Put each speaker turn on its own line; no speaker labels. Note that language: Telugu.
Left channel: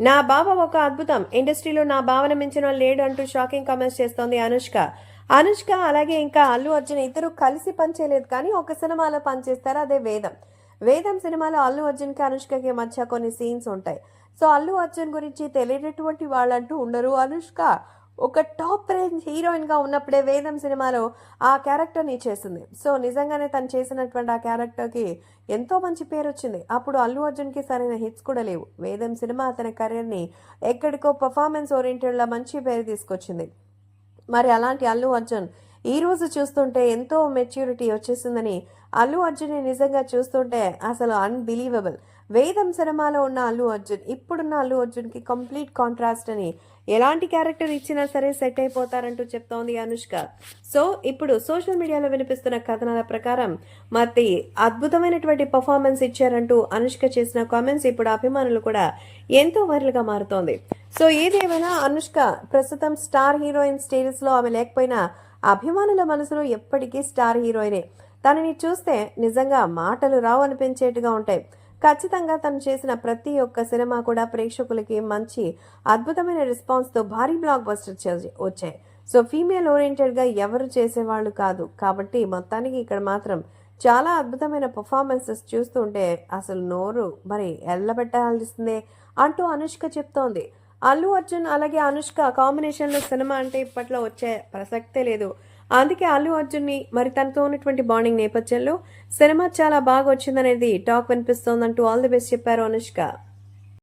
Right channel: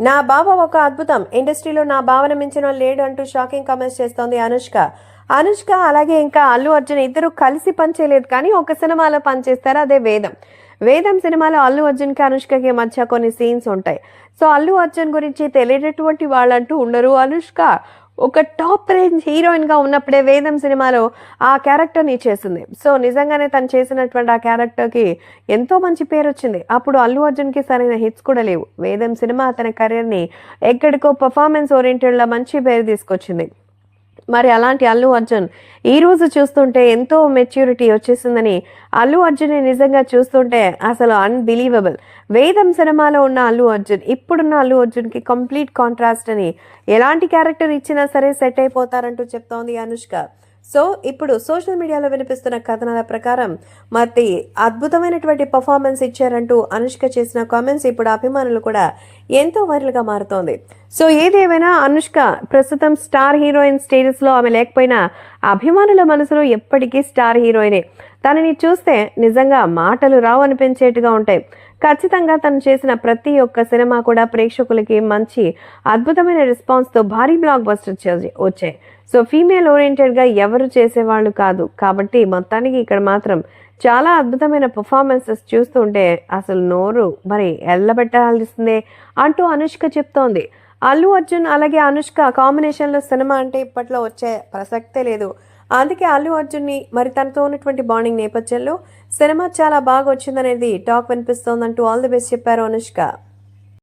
నా బావ ఒక అద్భుతం. ఇండస్ట్రీలో నా భావన మించిన లేడు అంటూ షాకింగ్ కామెంట్స్ చేస్తోంది అనుష్క. అనుష్క అలాగే ఇంకా అల్లు అర్జున్ ఇద్దరు కలిసి పనిచేయలేదు కానీ ఒక సినిమాలో పనిచేస్తారు అదే వేదం. వేదం సినిమాలో అల్లు అర్జున్కి అనుష్కకి మధ్య కొన్ని సీన్స్ ఉంటాయి. సో అల్లు అర్జున్ గురించి తెలియనటువంటి వాళ్ళంటూ ఉండరు అనుష్క. ఒక టాప్ రేంజ్ హీరోయిన్గా ఉన్నప్పుడే వేదం సినిమాలో ఆ క్యారెక్టర్ని చేసింది. సో నిజంగానే తను చేసినటువంటి ఆ క్యారెక్టర్కి ఎంతో మంచి పేరు వచ్చింది అప్పుడు అల్లు అర్జున్కి సరైన హిట్స్ కూడా లేవు. వేదం సినిమా అతని కెరీర్ని ఎక్కడికో పర్ఫార్మెన్స్ ఓరియంటెడ్లో మంచి పేరు తీసుకొచ్చింది. మరి అలాంటి అల్లు అర్జున్ ఈ రోజు చూస్తుంటే ఎంతో మెచ్యూరిటీ వచ్చేసిందని అల్లు అర్జున్ నిజంగా చూస్తుంటే అసలు అన్బిలీవబుల్ వేదం సినిమాలో ఉన్న అల్లు అర్జున్ ఇప్పుడున్న అల్లు అర్జున్కి కంప్లీట్ కాంట్రాస్ట్ అని ఎలాంటి క్యారెక్టర్ ఇచ్చినా సరే సెట్ అయిపోతారంటూ చెప్తోంది అనుష్క. సో ఇప్పుడు సోషల్ మీడియాలో వినిపిస్తున్న కథనాల ప్రకారం మరి అద్భుతమైనటువంటి పర్ఫార్మెన్స్ ఇచ్చారంటూ అనుష్క చేసిన కామెంట్స్ ఇప్పుడు అభిమానులు కూడా ఎంతో వైరల్గా మారుతోంది. సో ఏదేమైనా అనుష్క ప్రస్తుతం స్టార్ హీరోయిన్ స్టేటస్లో ఆమె లేకపోయినా అభిమానుల మనసులో ఎప్పటికీ స్టార్ హీరోయినే. తనని చూస్తే నిజంగా మాటలు రావు అనిపించేట్టుగా ఉంటాయి. ఖచ్చితంగా తను చేసిన ప్రతి ఒక్క సినిమా కూడా ప్రేక్షకులకి మంచి అద్భుతమైన రెస్పాన్స్తో భారీ బ్లాక్ బస్టర్ వచ్చాయి. సో ఫీమేల్ ఓరియంటెడ్గా ఎవరు చేసేవాళ్ళు కాదు. కాబట్టి మొత్తానికి ఇక్కడ మాత్రం చాలా అద్భుతమైన పర్ఫార్మెన్సెస్ చూస్తుంటే అసలు నోరు మరి ఎల్లబెట్టాల్సిందే అంటూ అనుష్క చెప్తోంది. అల్లు అర్జున్ అలాగే అనుష్క కాంబినేషన్లో సినిమా అంటే ఇప్పట్లో వచ్చే ప్రసక్తే లేదు. అందుకే అల్లు అర్జున్ని మరి తనతో ఉన్నటువంటి బాండింగ్ నేపథ్యంలో సినిమా చాలా బాగా వచ్చిందనేది టాక్ వినిపిస్తోందంటూ ఆల్ ది బెస్ట్ చెప్పారు అనుష్క.